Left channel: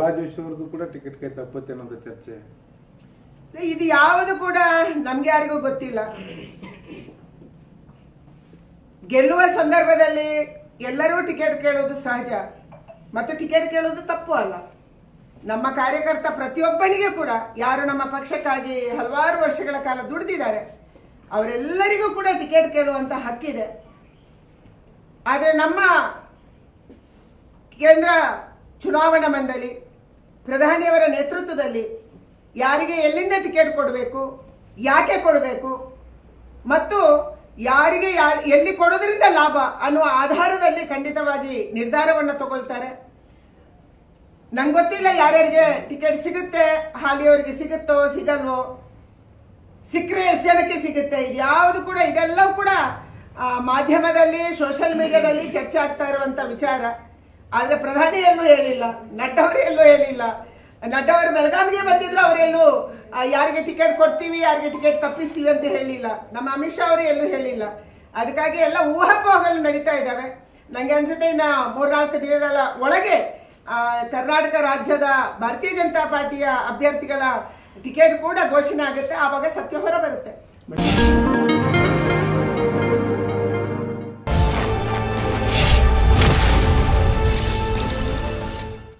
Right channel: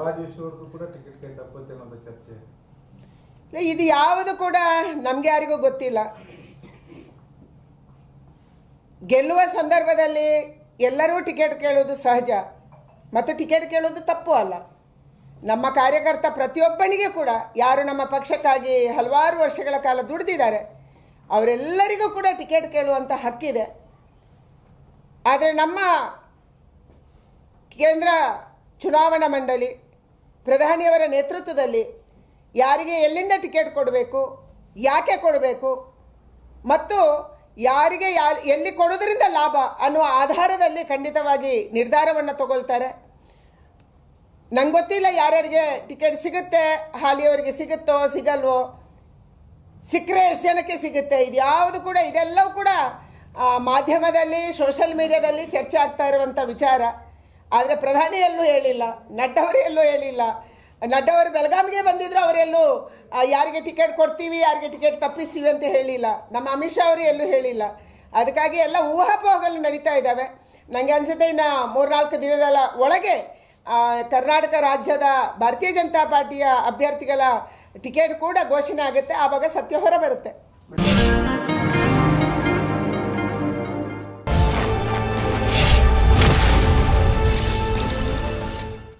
ಪ್ರಹ್ಲಾದ್ ಜೋಶಿ ಅವ್ರದ್ದು ಕೂಡ ಟಿಕೆಟ್ ಕೈ ತಪ್ಪುತ್ತೆ ಅನ್ನೋದು ಚರ್ಚೆ. ಇದು ಯಾವುದು ಕೂಡ ನಮ್ಗೆ ಯಾರಿಗೂ ಗೊತ್ತಿಲ್ಲ. ಗೆಲ್ಲುವ ಸಂದರ್ಭದಲ್ಲಿ ಎಲ್ಲರೂ ಟಿಕೆಟ್ ಕೇಳೋದು ಸಹಜ ಮತ್ತು ಟಿಕೆಟ್ ಕೇಳೋದು ತಪ್ಪು ಅಲ್ಲ. ನಮ್ಮ ಕಾರ್ಯಕರ್ತ ಪ್ರತಿಯೊಬ್ಬನಿಗೆ ಕೂಡ ಯಾರು ನಮ್ಮ ಪಕ್ಷಕ್ಕಾಗಿ ಹಲವಾರು ವರ್ಷಗಳ ಕಾಲ ದುಡಿದಿದ್ದಾರೆ ಅವರೆಲ್ಲರಿಗೂ ಕೂಡ ಟಿಕೆಟ್ ಕೇಳುವಂತ ಹಕ್ಕಿದೆ. ಆದರೆ ನಮ್ಮ ಕೇಂದ್ರ ಚುನಾವಣಾ ಮಂಡಳಿ ಪ್ರಧಾನಿಯವರ ನೇತೃತ್ವದಲ್ಲಿ ಯಾರಿಗೆ ಎಲ್ಲಿಂದ ಟಿಕೆಟ್ ಕೊಡಬೇಕು, ಯಾಕೆ ಕೊಡಬೇಕು ಮತ್ತು ಯಾರಿಗೆ ಎಲ್ಲಿ ಕೊಡೋದ್ರಿಂದ ಲಾಭ ಅನ್ನುವ ಆಧಾರದಲ್ಲಿ ಖಂಡಿತವಾಗಿ ನಿರ್ಧಾರವನ್ನು ತಗೊಳ್ತಾರೆ. ನಂಗೆ ಗೊತ್ತಿಲ್ಲ ಯಾರ್ಯಾರಿಗೆ ಟಿಕೆಟ್ ಸಿಗುತ್ತೆ, ಹಾಲಿಯವರಿಗೆ ಸಿಗುತ್ತೋ ಸಿಗಲ್ವೋ, ಸಿಕ್ಕರೆ ಎಷ್ಟು ಜನಕ್ಕೆ ಸಿಗುತ್ತೆ, ಇದ್ಯಾವುದು ಕೂಡ ಇದೆಲ್ಲವೂ ಕೂಡ ಮಾಧ್ಯಮದಲ್ಲಿ ಸೋಷಿಯಲ್ ಮೀಡಿಯಾದಲ್ಲಿ ಚರ್ಚೆ ಆಗ್ತಾ ಇರುವಂತ ವಿಚಾರ. ಆದ್ರೆ ಪ್ರಧಾನಿ ಎಲ್ಲೂ ಹೇಳಿಲ್ಲ, ನಡ್ಡಾ ಅವರು ಎಲ್ಲೂ ಹೇಳಿಲ್ಲ. ನಡ್ಡಾ ಅವರು ಬೆಳಗಾವಿಗೆ ಬಂದಿದ್ರು, ಅವರೆಲ್ಲೂ ಯಾರಿಗೆ ಟಿಕೆಟ್ ಕೊಡ್ತೀವಿ ಯಾರಿಗೆ ಟಿಕೆಟ್ ತಪ್ಪಿಸ್ತೀವಿ ಅಂತ ಹೇಳಿಲ್ಲ. ನಮ್ಮ ಅಮಿತ್ ಶಾ ಅವರು ಎಲ್ಲೂ ಹೇಳಿಲ್ಲ. ಅದಕ್ಕಾಗಿ ಎಲ್ಲ ಊಹಾಪೋಹಗಳು ನಡೀತಾ ಇದ್ದಾವೆ. ನಂಗೆ ಅನ್ಸುತ್ತೆ ಇನ್ನ 3-4 ದಿನದ ಒಳಗೆ ಕರ್ನಾಟಕ ರಾಜ್ಯದ ಭಾರತೀಯ ಜನತಾ ಪಾರ್ಟಿಯ ಅಭ್ಯರ್ಥಿಗಳ ಟಿಕೆಟ್ ಕೂಡ ಘೋಷಣೆ ಆಗುತ್ತೆ. ಆವಾಗ ಸತ್ಯ ಹೊರ ಬರುತ್ತೆ.